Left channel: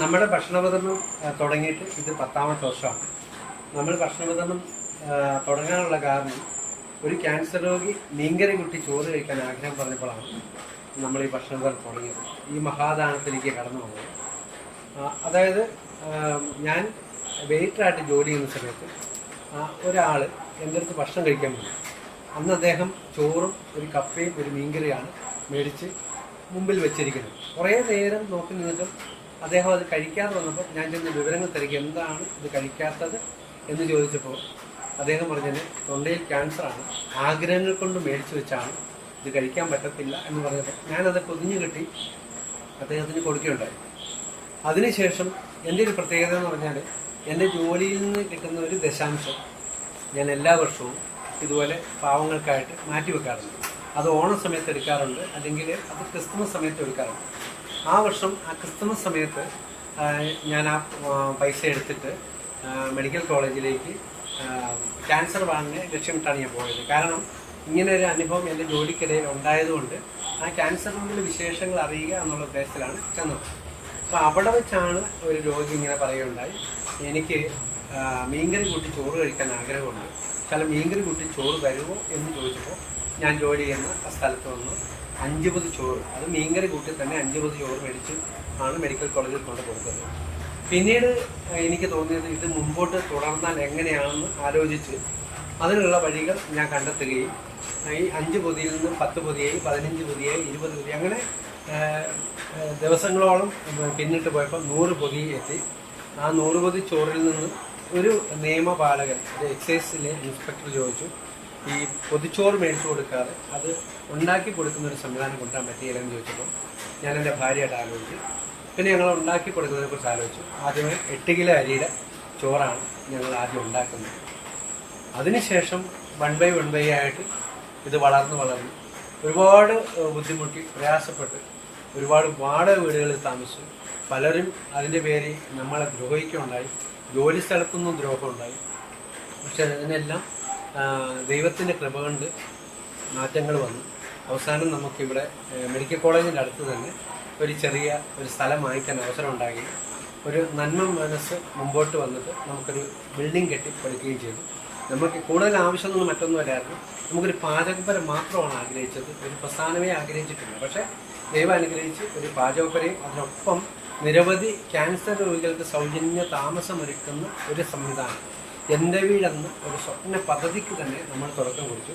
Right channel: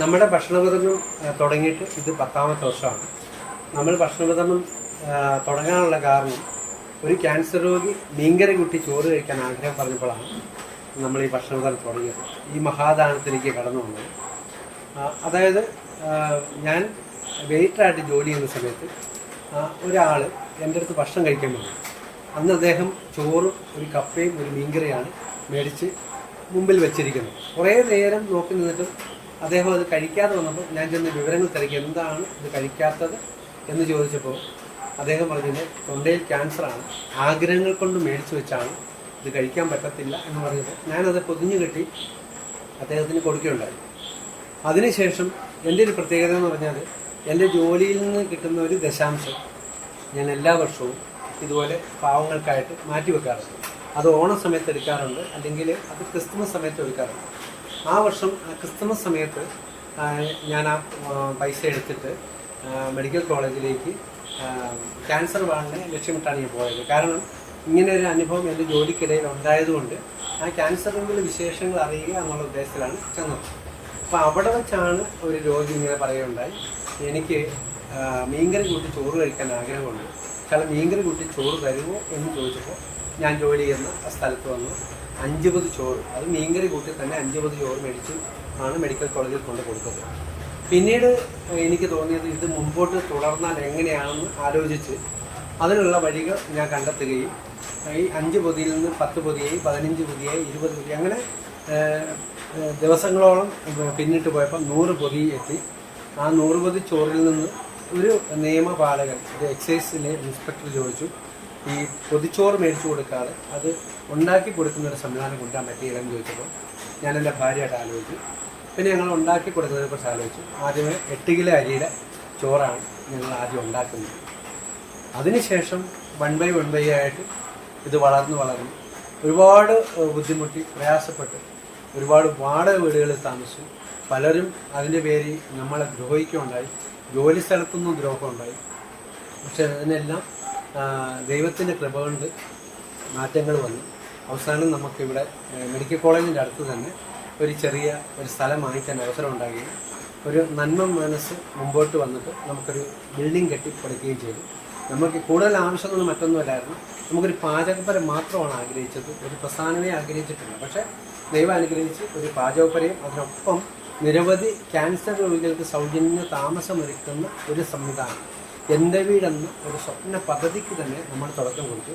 നമ്മുടെ ഭക്ഷണവിതരണം തുടങ്ങിയിട്ട് ഇത് 10ാമത്തെ വർഷമാണ്. നമ്മൾ ഭക്ഷണവിതരണം തുടങ്ങാനുള്ള കാരണം ഒരു ക്യാൻസർ രോഗി മീൻകറി കൂട്ടി ചോറ് കഴിക്കാൻ ആഗ്രഹം പറഞ്ഞപ്പോഴാണ് നമ്മൾ ഈ ഭക്ഷണവിതരണം തുടങ്ങിയത്. ഈ മഹാദാനത്തിലേക്ക് കടന്നു വന്നത്. അതായത് ഞാൻ വെയിറ്ററായിട്ട് ജോലി ചെയ്യുന്ന സമയത്ത് ഒരാൾ എൻ്റെ അടുത്ത് ഭക്ഷണം കഴിക്കാൻ വന്നു. അന്ന് അദ്ദേഹം ചോറും ഒരു കപ്പയും ഒരു മീൻകറിയാണ് മേടിച്ച് മുമ്പിൽ വെച്ചിരിക്കുന്നത്. കുറേ നേരം നോക്കി നിന്നിട്ടും അദ്ദേഹം അത് കഴിക്കാതെ വന്നപ്പോൾ ഞാൻ ചെന്ന് വിവരങ്ങൾ തിരക്കി, എന്താണ് ഇത് കഴിക്കാത്തത് എന്ന് ചോദിച്ചപ്പോൾ അദ്ദേഹം പറഞ്ഞത് തൊണ്ടയിൽ ക്യാൻസറാണ്, ആഗ്രഹങ്ങൾ കൊണ്ട് മേടിച്ചു വെച്ചാണ്, ഇത് കഴിക്കാൻ പറ്റത്തില്ല എന്ന് പറഞ്ഞപ്പോൾ ഞാനത് പൊതിഞ്ഞു കെട്ടി അദ്ദേഹത്തിന് കൊടുക്കുകയുണ്ടായി. അതിനുശേഷം എൻ്റെ ഒരു പ്രത്യേകത എന്ന് പറഞ്ഞാൽ എൻ്റെ ജോലിയിൽ നിന്ന് കിട്ടുന്ന ഒരു ദശാംശം ഞാൻ എല്ലാ വർഷവും ഇതുപോലെ പാവങ്ങൾക്കായിട്ട് മാറ്റിവെക്കാറുണ്ട്. അത് ഓണ സമയത്ത് എടുക്കാറുണ്ട്, അല്ലെങ്കിൽ അത് ക്രിസ്മസ് സമയത്ത് എടുക്കാറുണ്ട്. ആ വർഷം ആ ക്രിസ്മസ് സമയത്ത് ഞാൻ ആ പൈസ എടുത്തിട്ട് മെഡിക്കൽ കോളേജിലേക്ക് ക്യാൻസർ വാർഡിനെ ലക്ഷ്യമിട്ടാണ് ഞാൻ പോയത്. കാരണം ഇങ്ങനെ ഒരു അനുഭവം എൻ്റെ ജോലിക്കിടയിൽ ഉണ്ടായതുകൊണ്ട് ആ ക്യാൻസറിൻ്റെ വിശേഷങ്ങൾ അറിയുക എന്നുള്ള ഉദ്ദേശത്തിലാണ് ചെന്നത്. അപ്പോൾ അവിടെ വെച്ചാണ് ഒരു രോഗി ഇങ്ങനെ പറയുകയുണ്ടായി, എനിക്ക് മീൻകറി കൂട്ടി ചോറ് കഴിക്കാൻ ആഗ്രഹമുണ്ട്, കാരണം മീൻകറി കൂട്ടി ചോറ് തരുമോ എന്ന് ചോദിച്ചപ്പോൾ ഞാൻ ജോലി ചെയ്യുന്ന ആ സ്ഥലത്ത് വന്ന് 5 പൊതി ചോറ്, അത് മീൻകറി കൂട്ടി തന്നെ 5 പൊതി ചോറ് മേടിച്ചു ആണ് മെഡിക്കൽ കോളേജിൽ കൊണ്ട് കൊടുത്തത്. പിന്നീട് എനിക്ക് തോന്നിയത് ഇത് മുമ്പോട്ട് തുടർന്നാൽ എങ്ങനെയാണെന്ന് ആലോചിച്ച് അതിനുള്ള വഴികൾ ഞാൻ കണ്ടെത്തുകയും ഈ 5 പൊതിയിൽ നിന്ന് 10 പൊതിയായി, 15 പൊതിയായി, 20 പൊതി, അങ്ങനെ ദിവസങ്ങളോളം പിന്നിട്ട് പോയപ്പോൾ 100 പൊതി എത്തി. ആ 100 പൊതി ചോറിൽ നിന്ന് ഒരു നിയമപാലകൻ, ഒരു എക്സൈസിലെ ഇൻസ്പെക്ടർ ചോദിച്ചു, ഈ പൊതിച്ചോറ് മേടിച്ചു കൊടുക്കാതെ അത് ഉണ്ടാക്കി കൊടുക്കുന്ന ഒരു സംവിധാനം കൊണ്ടുവരാൻ പറ്റിയില്ലെന്ന് ചോദിച്ചപ്പോൾ ഞാൻ എൻ്റെ ഭാര്യയായിട്ട് ആലോചിച്ചു. പിന്നെ ഞങ്ങൾ ഉണ്ടാക്കി കൊടുക്കുന്നതിനെക്കുറിച്ച് ആലോചിച്ചു. ആദ്യമേ 8 കിലോ അരിയുടെ ചോറാണ് ഞങ്ങൾ ആദ്യം ഉണ്ടാക്കുന്നത്. അതിനുശേഷം 1 ബൈ 1 ബൈ ആയിട്ട് ഇത് വളർന്നു ഒരുപാട് ബുദ്ധിമുട്ടി പ്രയാസപ്പെട്ട് ഒരുപാട് വാടക വീടുകളിൽ താമസിച്ചു. പലരും അതിൻ്റെ പേരിൽ നമ്മളെ ദ്രോഹിക്കുകയുണ്ടായി, ജോലി സ്ഥലത്തുനിന്നും ദ്രോഹമുണ്ടായി. പക്ഷെ അതിനെല്ലാം ദൈവത്തിൻ്റെ കൃപ കൊണ്ട് മാറ്റങ്ങൾ വന്നു. അവസാനം നമുക്കിവിടെ മെഡിക്കൽ കോളേജിൻ്റെ അടുത്ത് തന്നെ ഒരു ചെറിയ ഒരു സ്ഥലം വാങ്ങിക്കാൻ അവസരം ഉണ്ടാകുകയും ഒരു നന്മ മനസ്സ് മുമ്പോട്ട് വന്നിട്ട് നമുക്കൊരു ബിൽഡിംഗ് കെട്ടിപ്പടുക്കുകയും ചെയ്തു. നമുക്ക് കൂടുതൽ ആവശ്യമൊന്നും മറ്റൊന്നുമല്ലായിരുന്നു. നമുക്കൊരു പാചകപ്പരം മാത്രമാണ് ആഗ്രഹിച്ചത്, ഒരു പ്രസ്ഥാനമേ ആഗ്രഹിച്ചിട്ടില്ല. പക്ഷേ ദൈവം അനുഗ്രഹിച്ച് ഒരു പാചകപ്പരയും അതിനൊപ്പം നിരവധി ക്യാൻസർ രോഗികൾക്ക് സൗജന്യ താമസമൊരുക്കുന്ന ഒരു സംവിധാനം, എൻ്റെ വീടെന്ന ഒരു സ്വപ്ന പദ്ധതിക്ക് തന്നെ നമ്മൾ തുടക്കം കുറിച്ചു.